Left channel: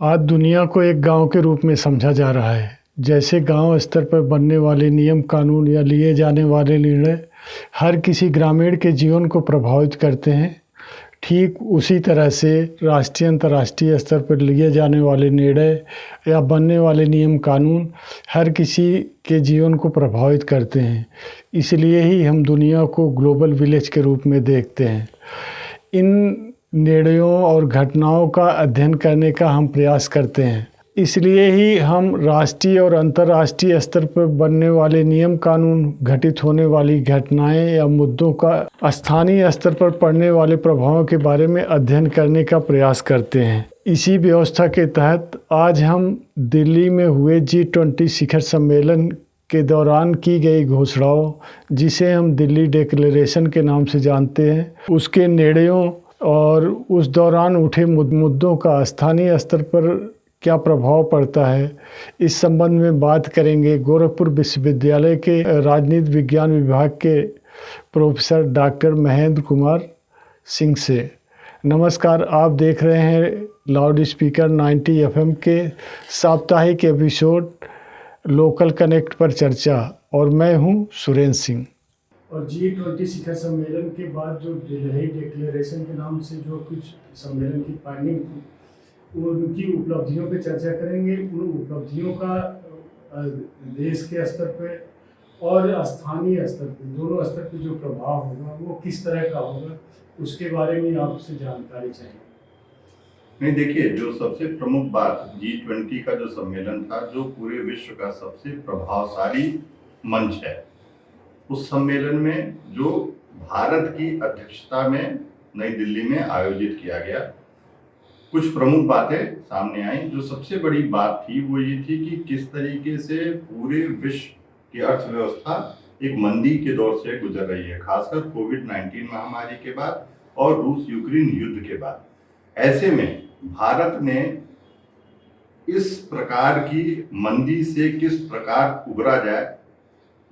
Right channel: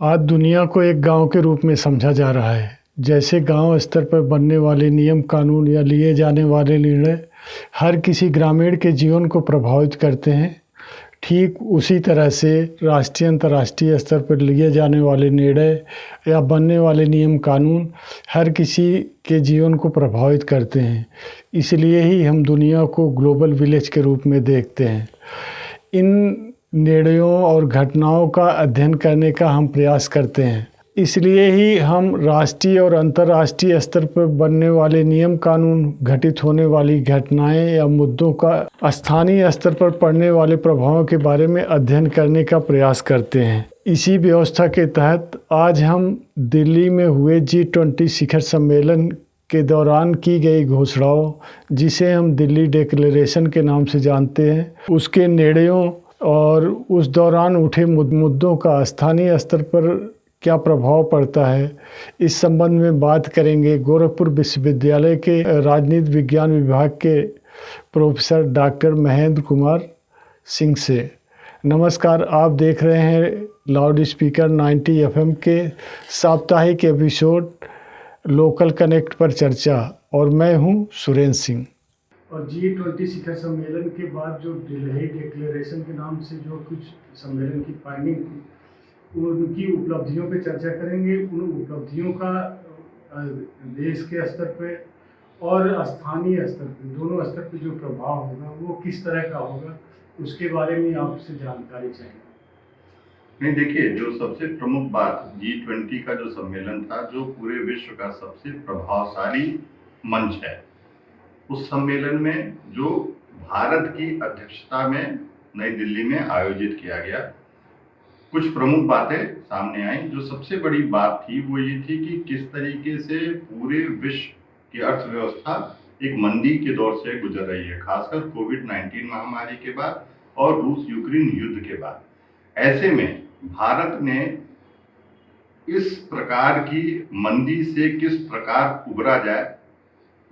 आज दुनिया को एक गांव के रूप में समझा जा रहा है। जैसे गांव स्तर पर बनने वाले नियम कानून या लिए जाने वाले निर्णय हर किसी ग्रामीण के जीवन को प्रभावित करते हैं, ठीक उसी तरह से राष्ट्रीय अंतर्राष्ट्रीय स्तर पर लिए जाने वाले निर्णय या बनने वाले नियम कानून हर किसी के जीवन को प्रभावित करते हैं। इसलिए ही हम दुनिया को ग्लोबल विलेज के रूप में देखते हैं। इन निर्णयों और घटनाओं का अध्ययन करने का हम प्रयास करते हैं। इसलिए ही हम राष्ट्रीय और अंतर्राष्ट्रीय स्तर पर बनने वाले नियम कानून, घटित होने वाली घटनाएं या मुद्दों का स्थानीय स्तर पर पड़ने वाले प्रभावों के बारे में अध्ययन करने का प्रयास करते हैं। इसी व्यवस्था के तहत आज हम दिल्ली में हुए G20 शिखर सम्मेलन के दौरान की गई घोषणाओं, जिसे हम दिल्ली डिक्लेरेशन के नाम से जानते हैं, उसके निर्णयों और उस दौरान उठे मुद्दों का स्थानीय स्तर पर क्या प्रभाव पड़ता है, इस संबंध में बात करेंगे गोरखपुर विश्वविद्यालय के राजनीति विज्ञान विभाग के प्रोफेसर डॉक्टर महेंद्र कुमार सिंह से। नमस्कार, आप देख रहे हैं लाउड स्पीकर 90 FM के साप्ताहिक एपिसोड लोकल कनेक्ट पर चर्चा, और मैं हूं सुरेंद्र सिंह। और G20 शिखर सम्मेलन के बाद जो दिल्ली डिक्लेरेशन के नाम से जो कुछ सम्मेलन की फाइंडिंग थी, उनकी उपलब्धियों पे चर्चा करेंगे। उन उपलब्धियों का देश के स्तर पे और स्थानीय स्तर पे, दोनों स्तर पे जो प्रभाव होगा वो किस तरह का होगा, उसके बारे में आपसे जानकारी चाहिए। नहीं, देखिए, जो सबसे प्रमुख बात G20 का जो सम्मेलन था, जो पूरे विश्व का सबसे प्रभावशाली मंच है, उस सम्मेलन में जो भारत की अध्यक्षता में नई दिल्ली में आयोजित किया गया, कुछ प्रमुख बातें सामने आई। जो सबसे बड़ी बात थी वो ये थी कि किस तरीके से पूरे विश्व की अर्थव्यवस्था एक मंदी के दौर से गुजर रही है, खासकर कोविड-19 महामारी के बाद और रूस यूक्रेन युद्ध के बाद। ऐसे में भारत ने इस प्रकार की मंदी से किस प्रकार उबरा जाए,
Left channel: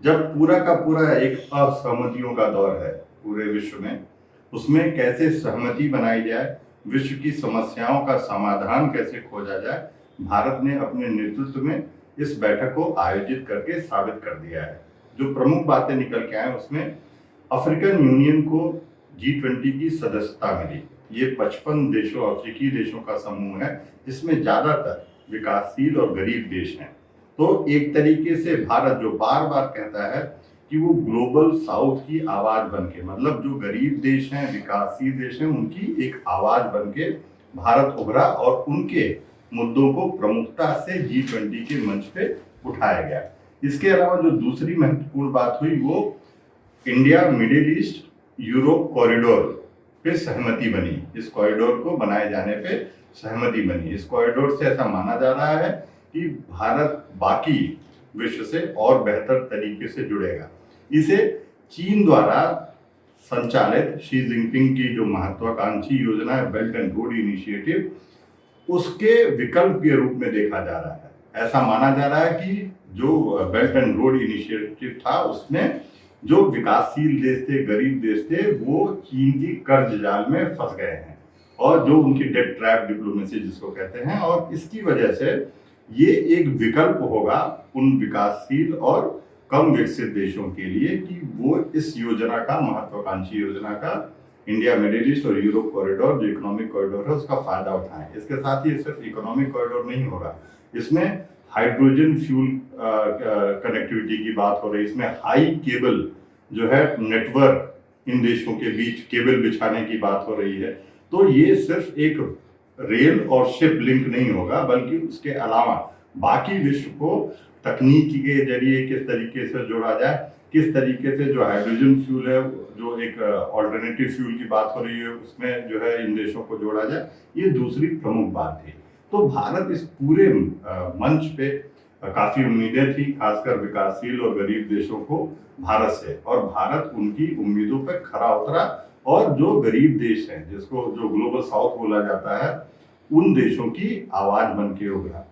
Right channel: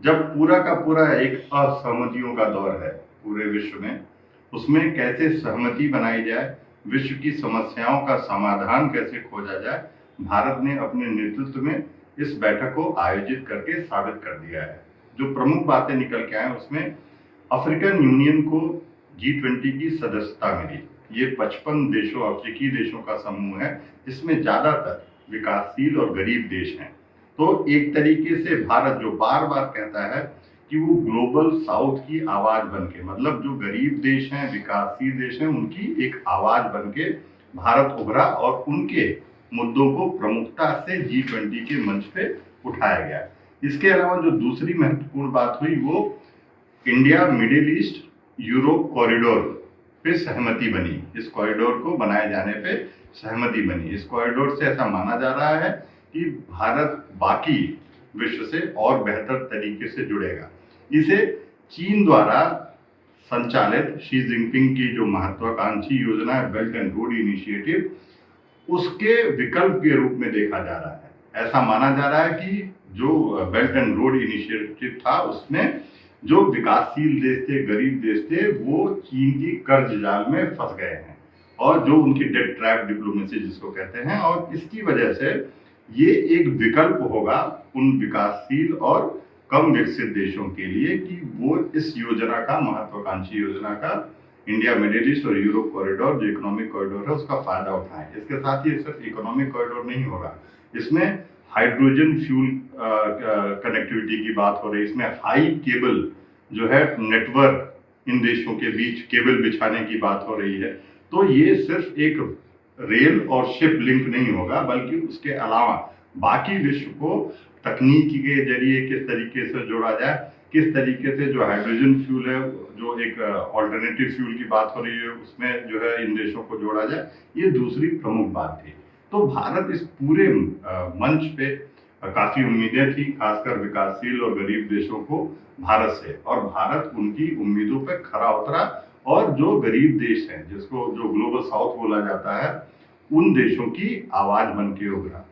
जब पूरा का पूरा एक असहमतियों का दौर है पूरे विश्व में, उसमें कैसे सहमति बनाई जाए, विश्व की समस्याओं का समाधान कैसे खोजा जाए, भारत ने अपने नेतृत्व में इस बैठक को आयोजित करके साबित कर दिया है। जो प्रमुख बातें निकल के आए, उसमें अफ्रीकन यूनियन को G20 की सदस्यता मिली। ये 55 देशों, अफ्रीकी देशों का समूह है, जिसमें ज़्यादातर विकासशील और गरीब देश हैं। तो एक तरीके से भारत, जो बार बार कहता है कि वो ग्लोबल साउथ की आवाज़ बनके, मतलब जो गरीब देश हैं, विकासशील देश हैं, उनकी एक आवाज़ बनके भारत उभरा और उनके मुद्दों को प्रमुखता से G20 के मंच पे उठाया गया। इसके अलावा जो दूसरी महत्वपूर्ण बात हुई, वो India middle east Europe corridor पे सहमति बनी। इस कॉरिडोर को बनाए जाने पे सहमति बनी। इस कॉरिडोर से ऐसा माना जा रहा है कि भारत बाकी विश्व से और बेहतर तरीके से जुड़ेगा। इसे चीन द्वारा संचालित शी जिनपिंग की जो महत्वाकांक्षी योजना है, बेल्ट एंड रोड इनिशिएटिव, उसके विकल्प के रूप में देखा जा रहा है। ऐसा माना जा रहा है कि जो बेल्ट एंड रोड इनिशिएटिव था, उसमें जो विकासशील देश थे, गरीब देश थे, वो चीन की कर्ज जाल में फंस गए हैं, और जो उनकी डेट ट्रैप डिप्लोमेसी जिसको कहते हैं, और इसकी वजह से ये एक विकल्प होगा उन विकासशील और कम विकसित देशों के लिए कि वो इस योजना का, महत्वाकांक्षी योजना का, इंडिया मिडिल ईस्ट और यूरोप कॉरिडोर, जो इकोनॉमिक कॉरिडोर है, उसका फायदा उठाएं। इसके साथ ही सिर्फ इकोनॉमिक कॉरिडोर नहीं होगा, इसमें हाइड्रोजन फ्यूल कनेक्टिविटी की बात हो रही है। इसमें हाई केबल जो है नेटवर्क, इन देशों के बीच केबल बिछाने की बात हो रही है। तो ये सिर्फ एक रेल और शिप लिंक नहीं होगा, बल्कि उसके अलावा बाकी विश्व को तकनीकी के जरिए किस तरीके से जोड़ा जाए, किस तरीके से जो हाइड्रोजन फ्यूल है, जो एक ऑल्टरनेटिव फ्यूल की बात हो रही है, उसमें जो है इन देशों को जोड़ा जाए, ये दूसरी प्रमुख बात थी। तो भारत इस पूरे मंच पे काफ़ी उम्मीदें थी, खासकर विकासशील और गरीब देशों को भारत से, और भारत उनकी उम्मीदों पे खरा उतरा, और जो गरीब देश हैं, जिसको जो ग्लोबल साउथ बोला जाता है, उन देशों की आवाज़ बन के उभरा।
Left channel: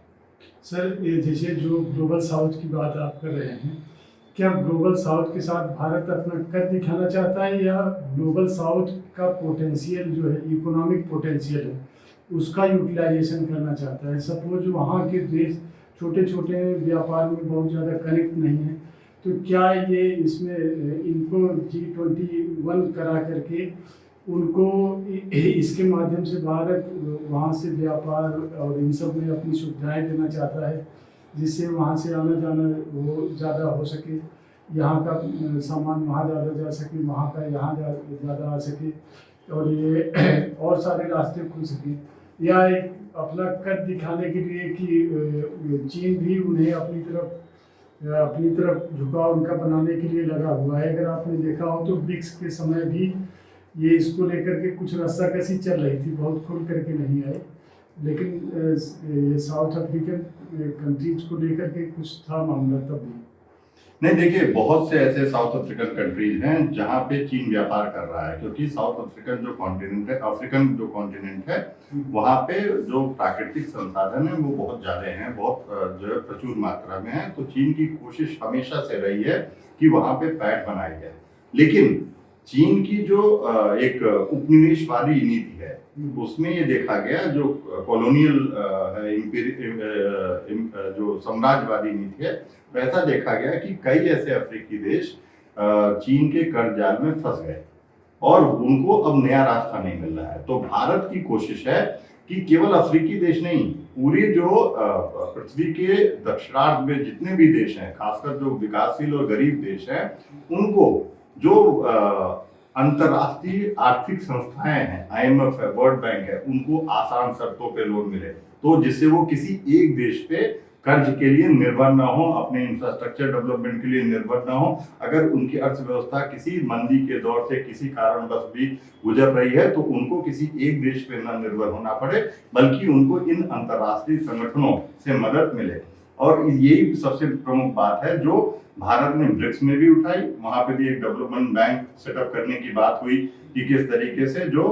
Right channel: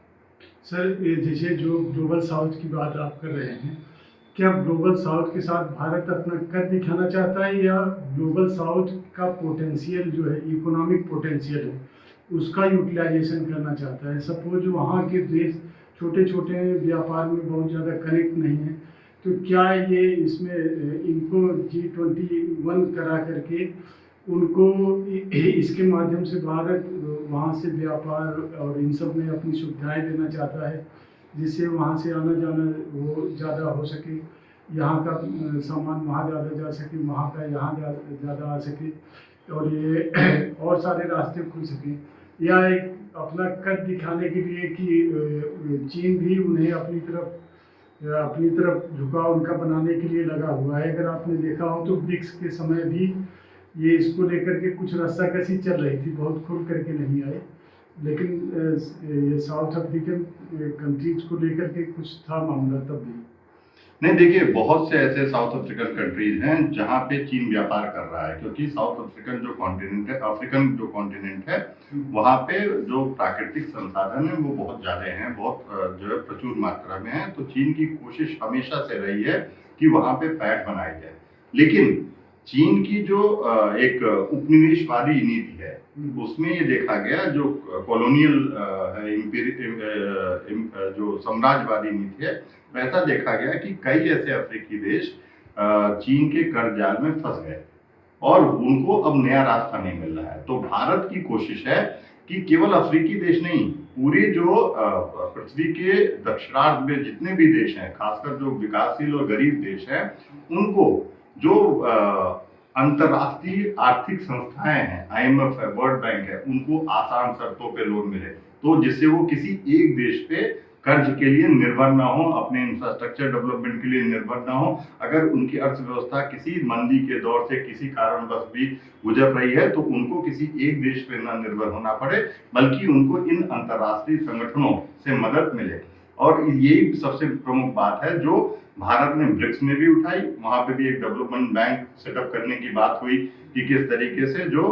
सर, जैसे जो ग्लोबल साउथ की बात आप कर रहे हैं, क्या ग्लोबल साउथ के साथ भारत अपना कद दिखाना चाहता है, या ग्लोबल साउथ का पोटेंशियल जो है, इकोनॉमिक पोटेंशियल है, उसका यूटिलाइजेशन करना चाहता है। सपोज वहाँ के देश छोटे छोटे व्यापार में बहुत ज़्यादा कनेक्ट नहीं है, तो क्या ये इसमें इनको G21 करा करके उनको इसके माध्यम से भारत वहाँ से व्यापार और इन सब में अपनी सुविधाएं देना चाहता है, जिससे वहाँ से आना जाना वो ज़्यादा हो सके, यहाँ का सामान वहाँ ज़्यादा जा सके, वहाँ का यहाँ ज़्यादा आ सके, और ये और सारे रास्ते खुल सकें। या एक अपना कद दिखाने के लिए कि चीन भी उन्हें अपनी तरफ झुकाव उनका बनाने के लिए लगा हुआ है। अगर आपने देखा हो तो ब्रिक्स के समय भी ये इसको लेकर के कुछ रस्साकशी चल रही थी, बहुत खुल करके नहीं आए, लेकिन ये साउथ अफ्रीकन कंट्रीज को लेकर के कुछ था मामला तब भी। नहीं देखिए, बहुत से ऐसे साउथ अफ्रीकन कंट्रीज हैं जहाँ पे चीन व्यापार कर रहा है, क्योंकि साउथ अफ्रीकन जो कॉन्टिनेंट है, अफ्रीकन जो कॉन्टिनेंट है, वहाँ पे जो प्राकृतिक संसाधन है वो बहुत ज़्यादा हैं, बहुत जो है प्रचुर मात्रा में है। तो चीन की कोशिश हमेशा से रही है कि वहाँ पे पैठ बनाई जाए, लेकिन चीन की जो एक उपनिवेशवादी नीति है उसमें ये देखा गया, जो कॉलोनियल जो साम्राज्यवादी नीति है, वैसा देखा गया कि कई ऐसे अफ्रीकी देश चीन के कर्ज जाल में फंस गए और उनको अब नया रास्ता नहीं मिल रहा है। तो भारत की कोशिश है कि केवल अफ्रीकी देश नहीं, पूरे जो पृथ्वी के दक्षिणार्ध में जितने भी देश हैं, खासकर जो विकासशील और गरीब देश हैं, उनको जो अंतर्राष्ट्रीय आर्थिक संस्थाएं हैं, IMF है, वर्ल्ड बैंक है, उनको आसान शर्तों पे लोन मिले, तो जिससे वो किसी एक देश पे कर्ज के लिए निर्भर ना हो, अपने इंफ्रास्ट्रक्चर डेवलपमेंट के लिए निर्भर ना हो। अगर उनकी अर्थव्यवस्था किसी मंदी के दौर से किसी कारणवश भी गुजर रही है तो उनको किसी एक देश पे ना निर्भर होना पड़े, बल्कि उनको इन अंतर्राष्ट्रीय संगठनों से मदद मिले। और यही सबसे प्रमुख बात है जो भारत ने ब्रिक्स में भी उठाई। वहां पे भी एक डेवलपमेंट बैंक सेटअप करने की बात हुई कि किस तरीके से जो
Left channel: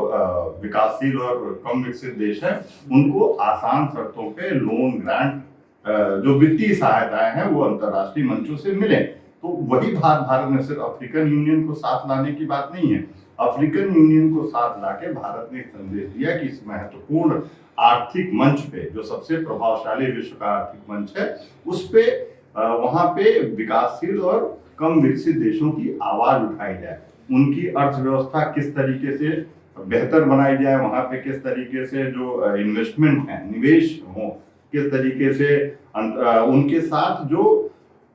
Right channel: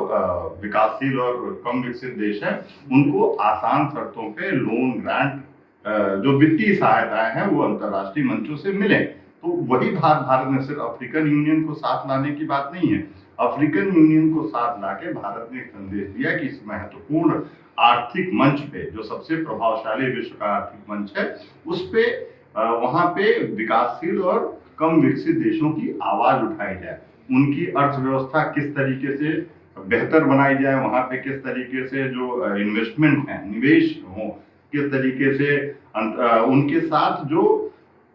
विकासशील और कम विकसित देश हैं उनको आसान शर्तों पे लोन, ग्रांट, जो वित्तीय सहायताएं हैं वो अंतर्राष्ट्रीय मंचों से मिले। तो वही भारत ने सिर्फ अफ्रीकन यूनियन को साथ लाने की बात नहीं है, अफ्रीकन यूनियन को साथ लाके भारत ने एक संदेश दिया कि इस महत्वपूर्ण आर्थिक मंच पे, जो सबसे प्रभावशाली विश्व का आर्थिक मंच है, उस पे वहां पे विकासशील और कम विकसित देशों की आवाज उठाई जाए, उनकी अर्थव्यवस्था किस तरीके से बेहतर बनाई जाए, वहां पे किस तरीके से जो इन्वेस्टमेंट है, निवेश हो, किस तरीके से उनके साथ जो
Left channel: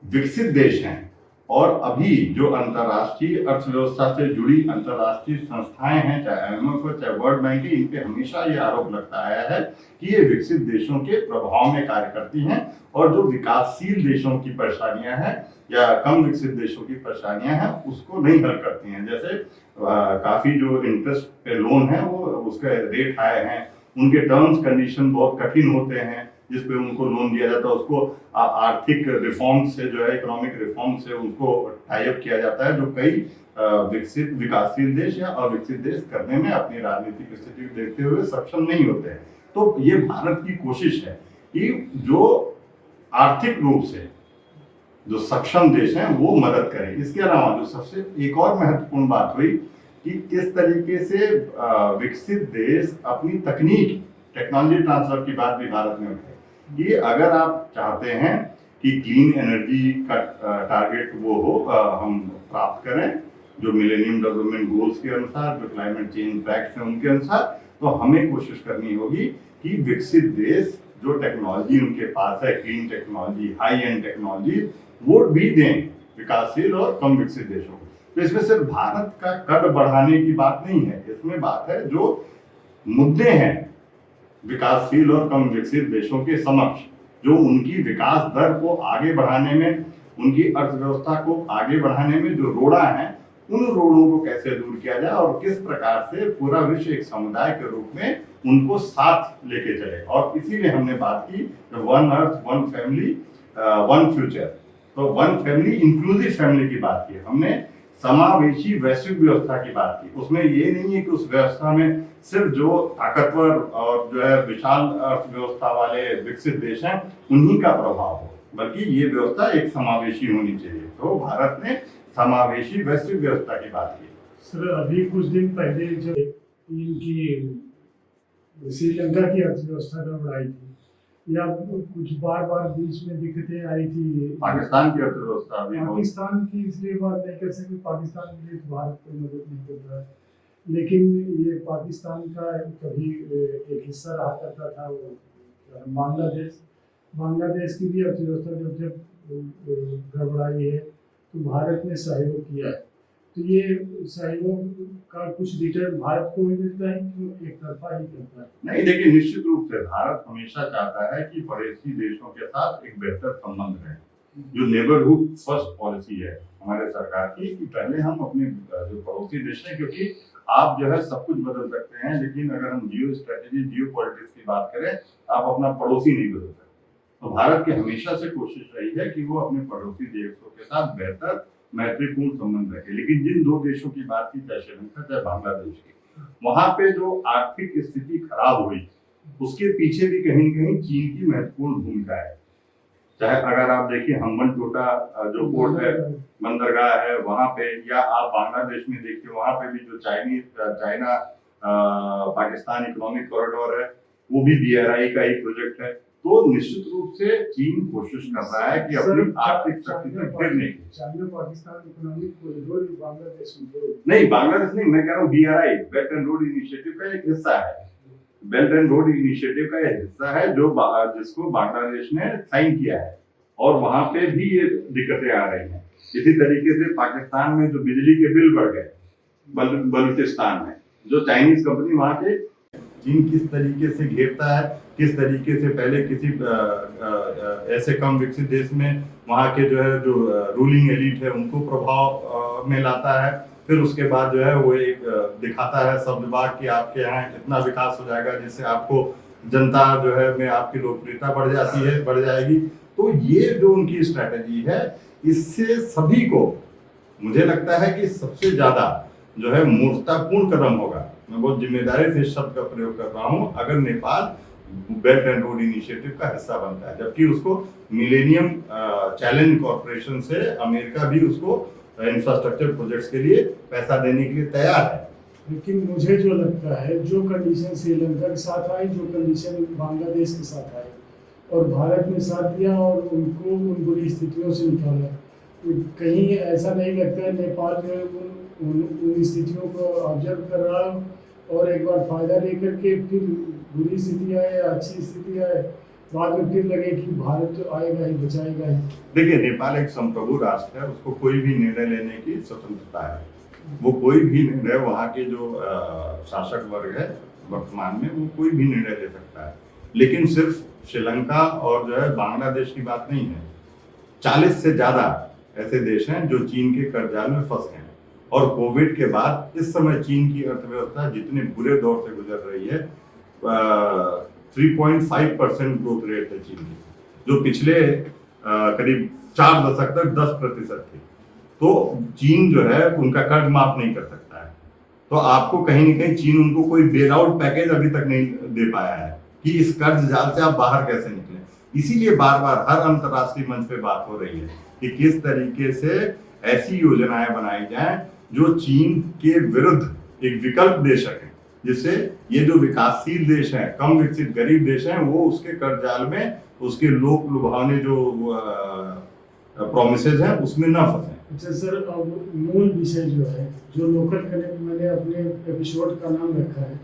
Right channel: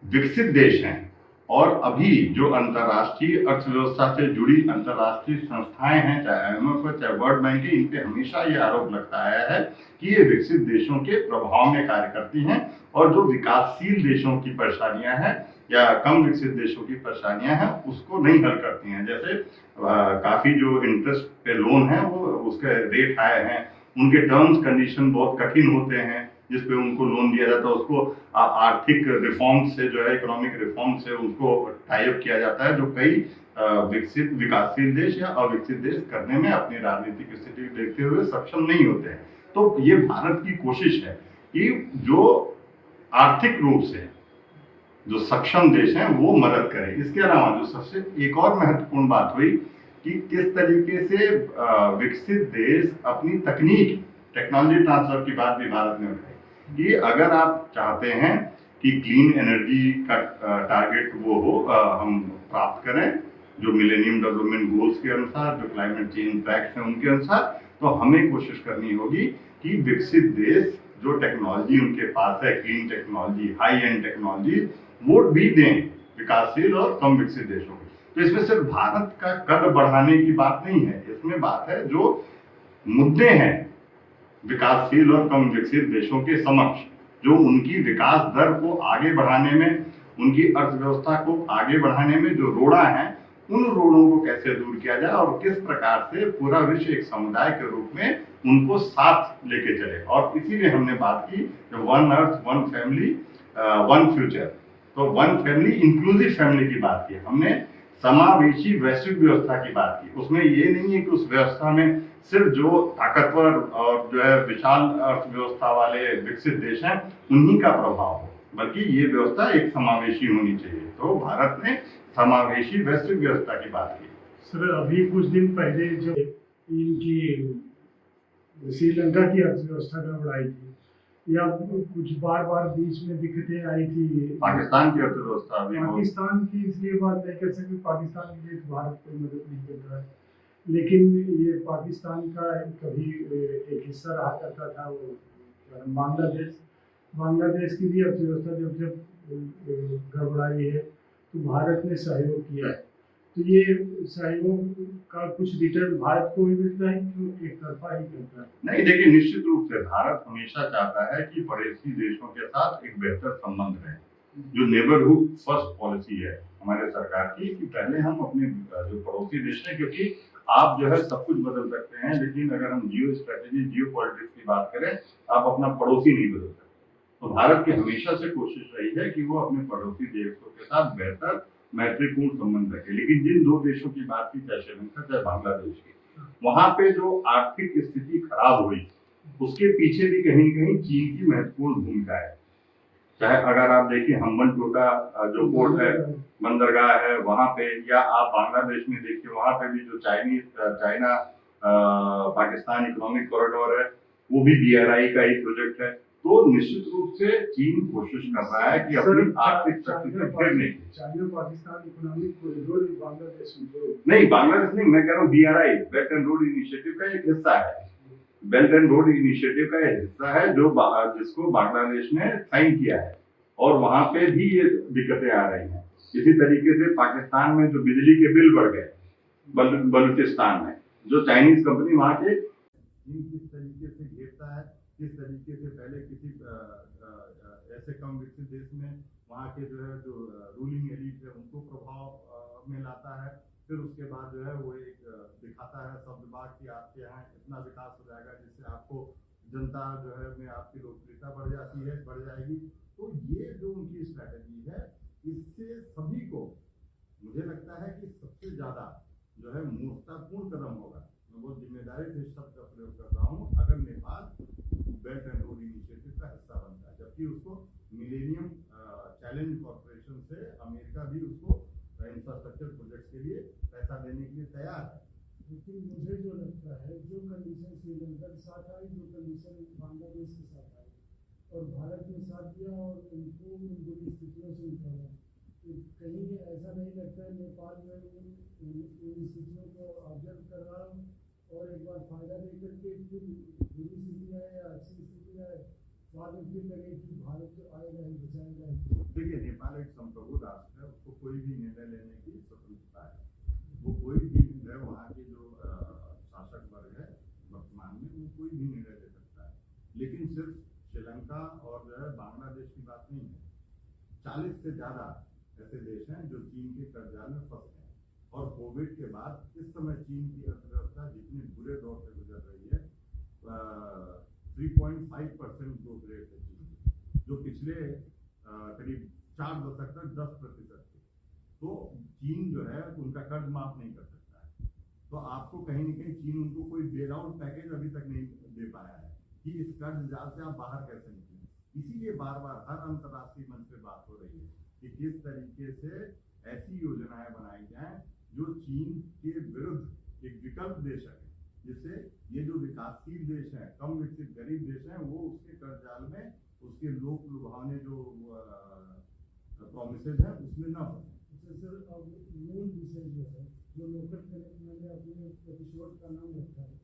विकसित देश हैं और अभी जो अंतर्राष्ट्रीय अर्थव्यवस्था से जुड़ी अंतर्राष्ट्रीय संस्थाएं हैं, चाहे IMF हो, चाहे वर्ल्ड बैंक है, इन पे हमेशा ये आरोप लगता आया है कि ये विकसित देशों के प्रभाव में कार्य करती हैं और जो विकासशील देशों की परेशानियां हैं या कम विकसित देशों की परेशानियां हैं उसको नहीं हल करती हैं। जैसे काफी जो इंटरेस्ट पे लोन है वो उसके रेट हाई हैं, उनके टर्म्स कंडीशन बहुत कठिन होते हैं जिसपे उनको लोन दिया जाता है, उसको आर्थिक रिफॉर्म से जो है, इकोनॉमिक रिफॉर्म से उनको टाई अप किया जाता है, जो कई विकसित विकासशील देश या अविकसित देश करने में अपनी राजनीतिक स्थिति को देखते हुए सक्षम नहीं होते हैं। तो ये भारत की कोशिश है कि जो आर्थिक रूप से जो सक्षम देश हैं वो मदद करें। इसके अलावा जो सबसे एक और महत्वपूर्ण बात हुई कि किस तरीके से विकसित देश अपनी टेक्नोलॉजी ट्रांसफर की बात भी भारत ने उठाई कि अगर आप चाहते हैं कि क्लीन एनर्जी का टारगेट वो हो, हम प्राप्त करें जो मिलेनियम डेवलपमेंट गोल्स के अनुसार, जो क्लाइमेट चेंज पैक्ट हैं उनके अनुसार, तो हमें कोशिश करनी होगी कि विकसित देश जो टेक्नोलॉजी उनके पास है, clean technology, high and technology, वो भी दें विकासशील और कम विकसित देशों को। तो इसमें सिर्फ भारत का कद बढ़ाने की बात नहीं है, इसमें बात है जो मुद्दे हैं विकासशील और कम विकसित देशों के समक्ष, जो उनकी विकास दर को आगे बढ़ाने में, उनकी अर्थव्यवस्था को आगे बढ़ाने में जो रोड़ा है, उन रोड़ों को कैसे दूर किया जाए और किस प्रकार से पूरा विश्व एक समुदाय के रूप में उनको साथ लेके चले। और इसीलिए हमने बात की one earth, one family, one future. तो वन फैमिली, इंक्लूसिव फैमिली की बात की हमने, समावेशी वैश्विक व्यवस्था की बात की। उसमें ये नहीं है कि उस व्यवस्था में सिर्फ जो ताकतवर और जो है विशाल अर्थव्यवस्था वाले विकसित देश हैं उन्हीं का प्रभाव हो, बल्कि ये व्यवस्था एक समावेशी होनी चाहिए। तो भारत ने समावेशी वैश्विक व्यवस्था की बात की। सर, अभी कुछ दिन पहले जो इनकी श्रीलंका की अर्थव्यवस्था गड़बड़ाई थी, या कुछ बार बार बीच में दिक्कतें आई थी। पाकिस्तान की अर्थव्यवस्था अभी पाकिस्तान की इसलिए बात नहीं कर सकते, पाकिस्तान के लिए भारत कोई मदद नहीं कर रहा है, लेकिन ये पाकिस्तान का कभी एक हिस्सा रहा करता था वो बांग्लादेश। बांग्लादेश की भी अर्थव्यवस्था जब जब गड़बड़ाई है तो भारत ने सहयोग किया है। तो ये सहयोग का कुछ रिटर्न भारत को भी मिलता है, क्यों एक तरफा ही करता है? नहीं, देखिए निश्चित रूप से भारत हमेशा चाहता है कि पड़ोसी देशों के साथ एक बेहतर संबंध रहे। जो नेबरहुड फर्स्ट पॉलिसी है हमारे सरकार की, कि पहले हम अपने जो पड़ोसी देश हैं, क्योंकि आप जो है सब कुछ बदल सकते हैं, लेकिन अगर हम जियो स्ट्रेटेजी जियो पॉलिटिक्स की बात करें, आप अपना पड़ोसी नहीं बदल सकते। तो भारत की हमेशा से कोशिश रही है कि वो अपने पड़ोसी देशों के साथ बेहतर मैत्रीपूर्ण संबंध रखे। लेकिन जिन दो देशों की बात की, चाहे श्रीलंका चाहे बांग्लादेश की, वहां पे जो आर्थिक स्थिति खराब हुई उसके पीछे भी कहीं न कहीं चीन की महत्वपूर्ण भूमिका है। चाहे अगर आप देखिए हम्बनटोटा जो पोर्ट है, बंदरगाह है वहां पे, या आप बांग्लादेश में देखिए वहां पे भी जो चाइना पाकिस्तान इकोनॉमिक कॉरिडोर है, वो भी BRI का ही प्रोजेक्ट है। तो निश्चित रूप से चीन कोशिश कर रहा है कि अपनी आर्थिक शक्ति से गिरने की। China Pakistan economic corridor Bangladesh में नहीं, बांग्लादेश नहीं, मैं कह रहा हूँ BRI belt and road initiative का एक हिस्सा है। बेल्ट एंड रोड इनिशिएटिव का एक हिस्सा है जो जिसको बांग्लादेश ने साइन किया है, और वहां पे भी ये दिक्कतें आ रही हैं। इसी तरीके से पाकिस्तान में जो बिजली के बिल बढ़ गए, बलूचिस्तान में जो चाइनीज कंपनी वहां के, चीन किस तरीके से घेरता है, किस तरीके से पहले किसी ऐसे कम विकसित देश में वहाँ के जो है जो रूलिंग एलिट है उनको प्रभाव में लाता है, फिर उसके बाद जो है वो एक दिखाता है शब्दबाग कि आपके यहाँ इतना विकास हो जाएगा जिससे आपको जनता जो है में आपकी लोकप्रियता बढ़ जाएगी। तो ये जो उनकी स्ट्रैटेजी है, इससे सभी को मुझे लगता है कि सबसे ज्यादा जो है मूर्खतापूर्ण कदम होगा। मैं बहुत जिम्मेदारी से इस शब्द का प्रयोग कर रहा हूँ, अगर Nepal belt and road initiative का हिस्सा बनता है, जबकि उसको मिलेनियम चैलेंज कॉर्पोरेशन से अमेरिका भी उसको इंफ्रास्ट्रक्चर प्रोजेक्ट्स के लिए पैसा देने के लिए तैयार है। लेकिन मुझे जो लगता है, जो कंडीशन श्रीलंका के साथ आई, जो कंडीशन बांग्लादेश के साथ आई, और भारत ने साथ दिया और उनको उन बुरी स्थितियों से निकाला, तो कहीं ऐसा नहीं लगता है नेपाल जो उन स्थितियों को ऑब्जर्व कर रहा और एक बार फायदा लेकर के फिर बुरी स्थिति आए या अच्छी स्थिति आए, बाद में फिर लगे कि भारत तो आएगा ही, बचाएगा ही। देखिए, नेपाल एक संप्रभु राष्ट्र है, उसको कोई भी निर्णय लेने की स्वतंत्रता है। वो कोई भी निर्णय, वहाँ के जो शासक वर्ग है वर्तमान में, वो कोई भी निर्णय ले सकता है। लेकिन सिर्फ श्रीलंका और जो है बांग्लादेश की बात नहीं है, 40 से ज्यादा ऐसे देश हैं जो चीन के कर्जाल में फंस गए हैं। और कोविड के बाद इस समय चीन की अर्थव्यवस्था जितने बुरे दौर से गुजर रही है, 3.5% ग्रोथ रेट है चीन की, जो पिछले करीब 4 दशक तक 10% थी। तो चीन जो है उनका कर्ज माफ नहीं कर सकता है। तो आपको कहीं न कहीं चीन उनको कोई बेल आउट पैकेज अभी तक नहीं दे पाया है कि इस कर्ज जाल से आप बाहर कैसे निकलें। इसीलिए बार बार हर अंतर्राष्ट्रीय मंच पे बात हो रही है कि किस तरीके से ऐसी योजनाएं बनाई जाएं जो चीन के विरुद्ध एक विकल्प दे सके, जिससे ये जो विकासशील देश हैं, कम विकसित गरीब देश हैं, वो उसके कर्ज जाल में, उसके लोक लुभावने जो प्रॉमिसेज हैं उसमें ना फंसे। अच्छा सर, अब मूल विषय जो है, जो लोकल कनेक्ट मैंने अपने एपिसोड का नाम रखा है,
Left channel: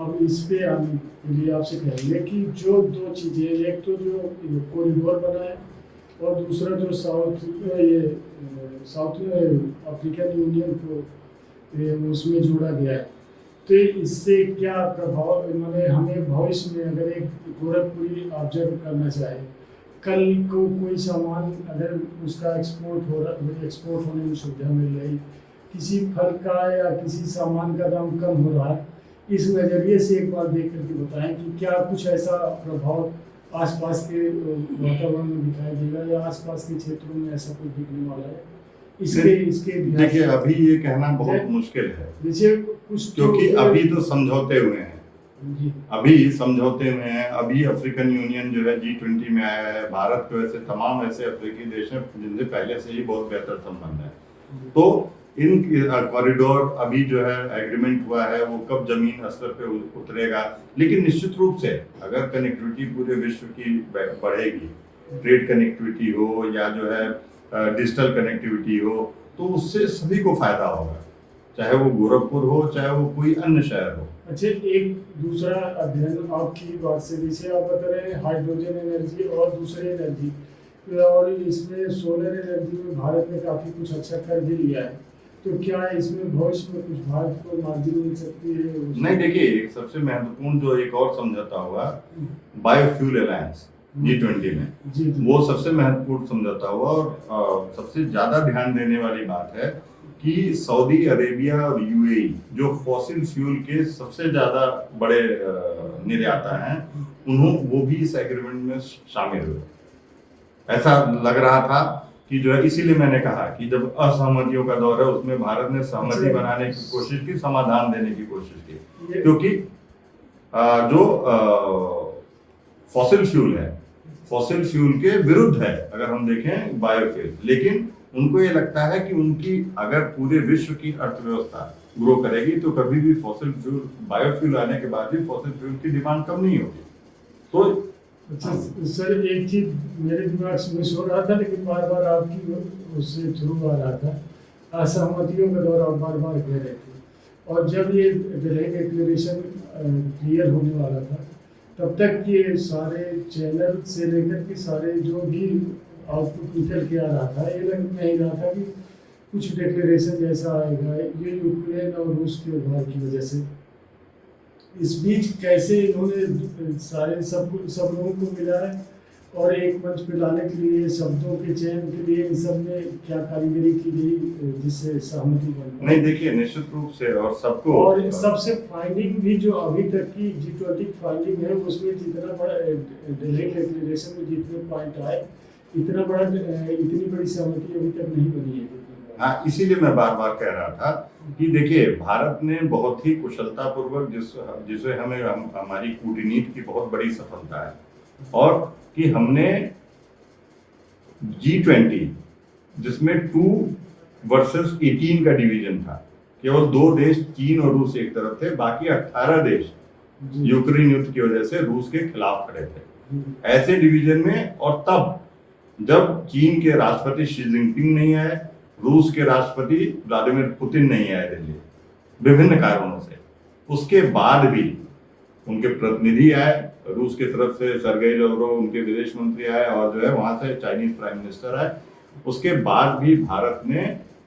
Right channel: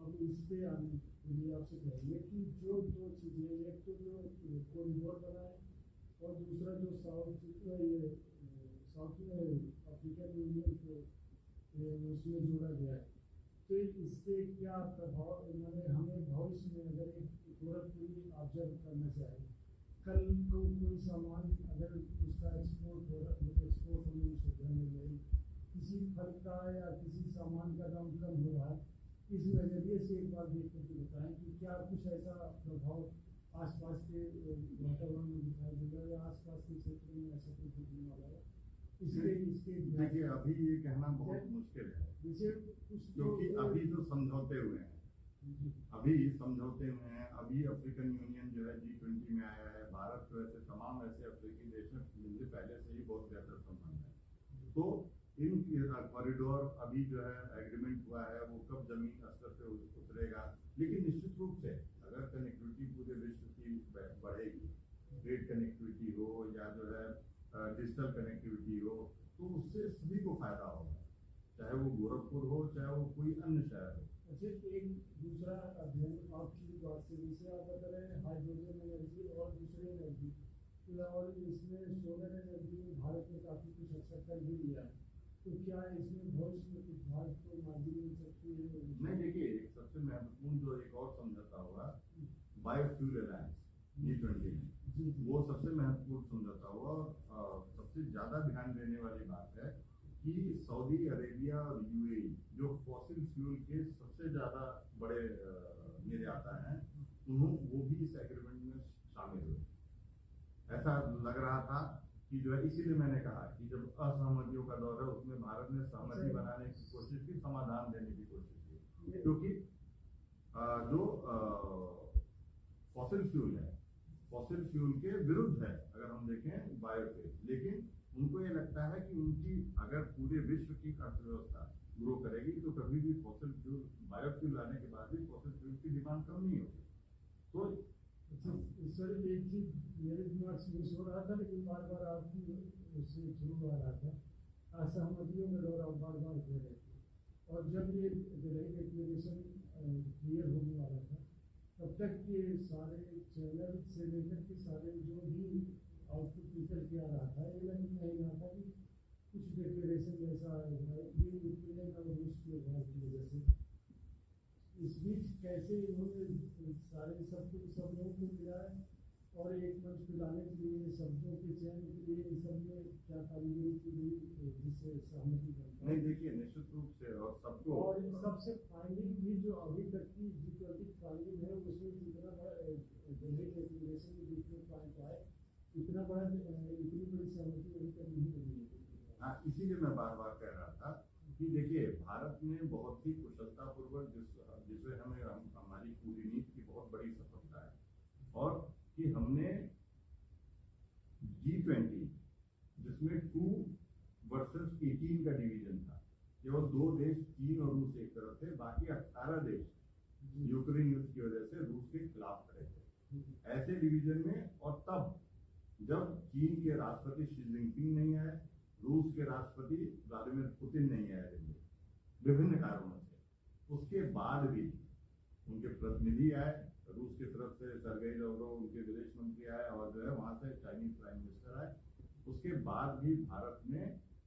अब इस पे आने के लिए आपसे कहेंगे कि जो 2 चीज़ें, एक तो जो कॉरिडोर बना है और दूसरा जो साउथ अफ्रीकन यूनियन को उसमें जोड़ा गया है, तो इससे क्या प्रभाव, मैंने हमें भविष्य में अगर एक गोरखपुरी ऑब्जर्व करना चाहे, कल को कोई सामान अगर उसका एक्सपोर्ट होने में सुविधा मिल रही, किसी फल का या किसी सामान का दाम कम हो रहा है, इस नज़रिए से एक बार देख करके बताएं कि क्या कुछ ऐसा प्रभाव आसपास के वातावरण में दिखाई देगा या आसपास के क्षेत्रों में ऐसा कुछ दिखने वाला है। इसके देखिए, अभी ये कहना बहुत मुश्किल है, जैसे कुछ, क्योंकि अभी तो समझौते हुए हैं, अभी समझौते में है। अभी अफ्रीकन यूनियन जो है G20 में आया है। भारत के वैसे तमाम ऐसे अफ्रीकी देश हैं जिनसे पहले से ही बहुत बेहतर संबंध है। तो इन कॉरिडोर अभी जो है एग्रीमेंट हुआ है वो कब जमीन स्तर पे उतरेगा, लेकिन निश्चित रूप से अगर कनेक्टिविटी पूरे विश्व की बढ़ेगी, ट्रेड कनेक्टिविटी हो या जो है डिजिटल कनेक्टिविटी हो, तो उससे सभी को फायदा होगा, चाहे वो गोरखपुर हो चाहे वो कोई अन्य शहर हो। अच्छा, एक दूसरा अध्ययन आपकी बात से जैसे आप बता रहे हैं हाइड्रोजन एनर्जी और दूसरी एनर्जी, और इसमें सोलर एनर्जी में भारत ने काफ़ी कुछ अच्छा कर भी लिया है, तो क्या इसमें भविष्य में कुछ भारत को मार्जिन मिल सकती है? नहीं, देखिए एक सबसे महत्वपूर्ण जो एक और समझौता हुआ बायोफ्यूल अलायंस G20 में, जी जी। वो सबसे महत्वपूर्ण समझौता हुआ और सबसे ज्यादा ध्यान देने वाली बात है कि सऊदी अरेबिया और यूएई जो फॉसिल फ्यूल के सबसे ज्यादा बड़े निर्याता हैं, वो भी इस एग्रीमेंट में शामिल हुए। ऐसा लग रहा था कि जो है, इसीलिए मैंने कहा कि जब असहमतियों का दौर है उसमें भारत ने सहमति बनाने की कोशिश की, समाधान देने की कोशिश की, क्योंकि जो फॉसिल फ्यूल है, फॉसिल फ्यूल के विरुद्ध है अगर हम देखें बायोफ्यूल, लेकिन उनको ये लगता है कि उनकी अगर पूरे विश्व की अर्थव्यवस्था ग्रो करेगी तो कभी भी फॉसिल फ्यूल, बायोफ्यूल आने के बाद भी फॉसिल फ्यूल की डिमांड कम नहीं होगी। तो अच्छा सर, एक चीज मेरे दिमाग से मिस हो रहा था लेकिन बार बार आपकी उससे थ्रू आ रहा था, असहमतियों का दौर आप बार बार कह रहे थे, और जब ये दिल्ली डिक्लेरेशन क्लियर होने वाला था तब तक ये सारे चैनल से लेकर के सारे जो भी आउटपुट निकल के आ रहा था, ये लग नहीं रहा था कि कुछ डिक्लेरेशन जैसा आएगा, ये यूक्रेन और रूस के उभार की वजह से। इस बीच कैसे इन्होंने सारे सब लोगों को मिला है और एक मंच पे लाने के लिए, शब्दों के चयन के लिए इन सब में क्या कारीगरी की गई जिससे सहमति बन? नहीं, देखिए निश्चित रूप से और सबको, और सबसे फाइंडिंग भी जो अभी तक की G20 फाइंडिंग है उसमें जितना बड़ा दिल्ली डिक्लेरेशन में जितने पॉइंट आए, इतना बड़ा इतनी बड़ी सहमति अभी तक नहीं बनी है। हाँ, इसीलिए मैं बार बार कह रहा था कि देखिए भारत ने बहुत ही कुशलता पूर्वक जिसे हमारी कूटनीति की बहुत बड़ी सफलता है, और कि हमने G20 जिसमें 2 वर्सेस 18 का डिवीजन था, केवल 2 देश चीन और रूस एक तरफ थे, बाकी 18 देश यूक्रेन युद्ध की वजह से रूस के खिलाफ खड़े थे। ऐसे डिवीजन में, और तब जब चीन के राष्ट्रपति शी जिनपिंग नहीं आए, रूस के राष्ट्रपति व्लादिमीर पुतिन नहीं आए दिल्ली विभिन्न कारणों से, उसके बाद भी उनके प्रतिनिधि आए, रूस की तरफ से सर्गेई लाव्रोव उनके विदेश मंत्री आए, और जो है वहां से चाइनीज प्राइम मिनिस्टर आए, उसके बाद भी भारत ने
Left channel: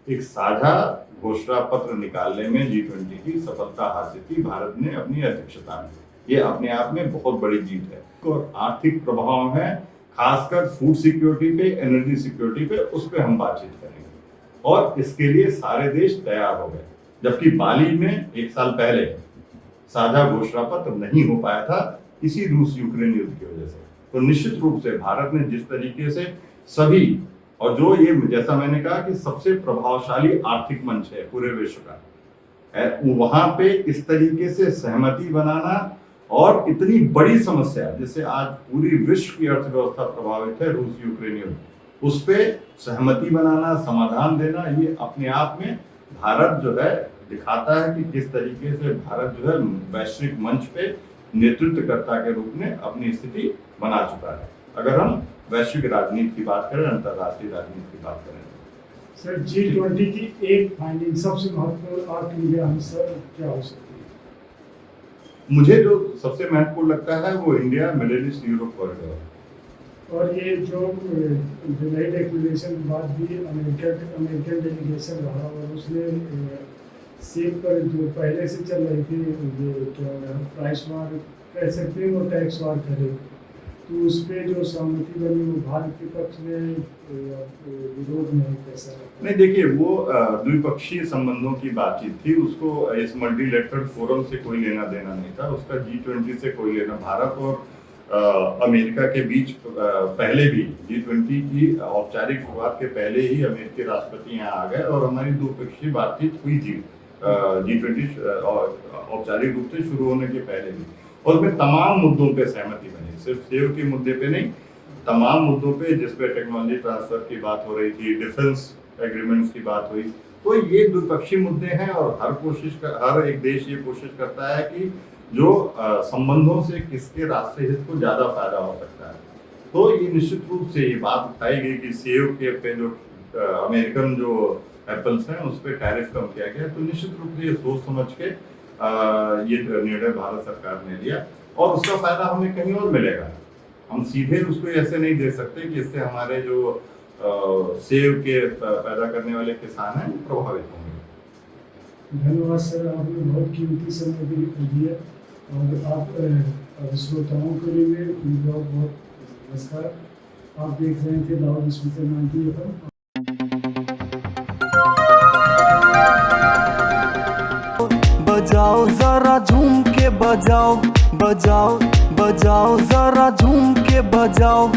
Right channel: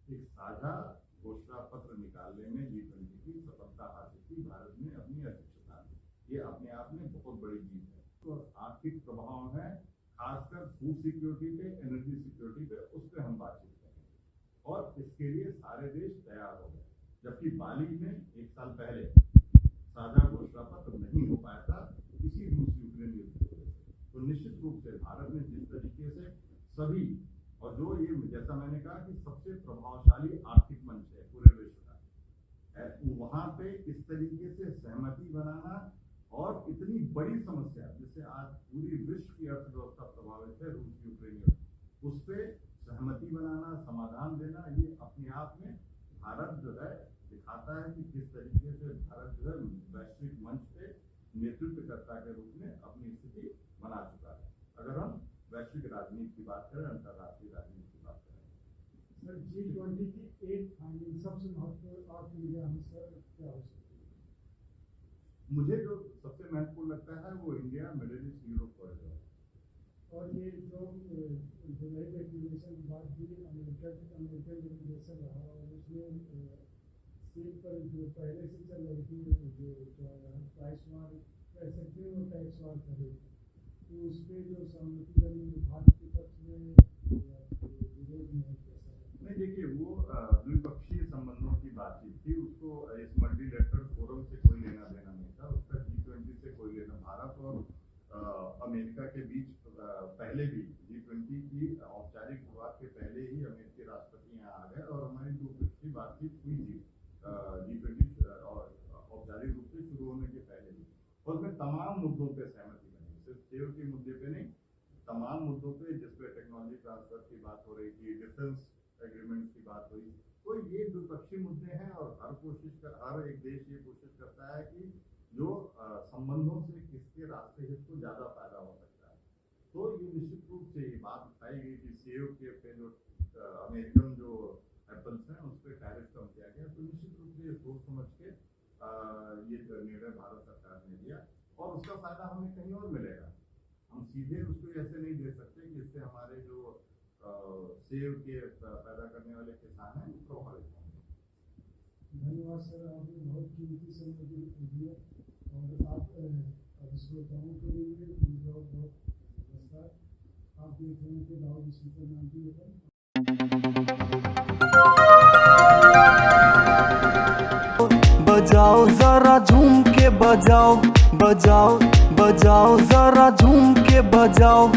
एक साझा घोषणा पत्र निकालने में G20 की सफलता हासिल की। भारत ने अपनी अध्यक्षता में, ये अपने आप में बहुत बड़ी जीत है। और आर्थिक प्रभाव है, खासकर फूड सिक्योरिटी पे, एनर्जी सिक्योरिटी पे, उस पर हम बातचीत करेंगे, और इसके लिए सारे देश तैयार हो गए, जबकि बाली में 1 साल पहले साझा घोषणा पत्र नहीं हो पाया था इसी रूस यूक्रेन युद्ध की वजह से। तो निश्चित रूप से भारत ने जिस तरीके से सभी, और जो ये जैसा मैंने कहा कि सबसे प्रभावशाली आर्थिक मंच है पूरे विश्व का, वहां पे इस तरीके से सहमति बनाना, और इतनी बड़ी समस्या जिससे आज पूरी विश्व की अर्थव्यवस्था प्रभावित है, रूस यूक्रेन युद्ध, उस पे सहमति बनाना, समाधान देना, ये अपने आप में भारत जो है दिखाता है कि किस तरीके से भारत जो है वैश्विक मंच पे नेतृत्वकर्ता के रूप में अपनी स्थिति बना चुका है, अगर हम वैश्विक राजनीति की बात करें, अंतर्राष्ट्रीय राजनीति की बात करें। सर, G20 की एक फाइंडिंग सबसे महत्वपूर्ण आपके लिए आंसर क्या हो सकती है? मुझे जो सबसे महत्वपूर्ण लगता है वो India middle east Europe corridor, और ये जो दिल्ली डिक्लेरेशन के बाद भी अमेरिकन डेलीगेशन रहा, और उसने सेल पर जो पहले से चल रही थी ये क्या प्राइस वार कह सकते हैं और टैक्स वार कर रहे थे, तो उस पर जो सहमति बनी वो भारत के पक्ष में विरोध में कैसा? नहीं, देखिए वो द्विपक्षीय संबंधों की बातचीत थी, उसको इस मल्टीलेटरल फोरम से कोई लेना देना नहीं था, उसका G20 से कोई लेना। भारत और अमेरिका के बीच पहले भी G20 की औपचारिक शुरुआत के पहले ही अमेरिकी राष्ट्रपति यहाँ आ गए और हमारी द्विपक्षीय बातचीत हुई थी G20 औपचारिक रूप से शुरू होने के पहले भी, और उसमें तमाम मुद्दों पे सहमति बनी, सिर्फ सेव के मुद्दे पे नहीं, तमाम मुद्दों पे जिस पे टेक्नोलॉजी ट्रांसफर की बात हो रही थी, डिफेंस एग्रीमेंट्स की बात हुई, तो ये द्विपक्षीय मुद्दे हैं और हर एक देश ये कोशिश करता है कि जो संबंधों से किसके राष्ट्रीय हित को ज्यादा फायदा हो सकता है। तो ये निश्चित रूप से ये बात उठाई गई कि सेब के पे जो अमेरिकन जो एप्पल्स हैं उस पर टैरिफ कम किया गया, तो निश्चित रूप से ये सोच समझ के ये निर्णय भारत सरकार ने लिया और उसका फायदा हमें कहीं और मिलेगा। हम सीधे उसको ऐसे नहीं दे सकते कि इससे हमारे जो सेब के पैदा करने वाले किसान हैं प्रभावित होंगे। धन्यवाद सर, आपने बहुत कीमती समय भी दिया और आप श्रोताओं के लिए बहुत बहुत नमस्कार। आप देख रहे थे लाउड स्पीकर 90 FM। बजाओ जरा झूम के बजाओ, बजाओ बजाओ जरा झूम के बजाओ।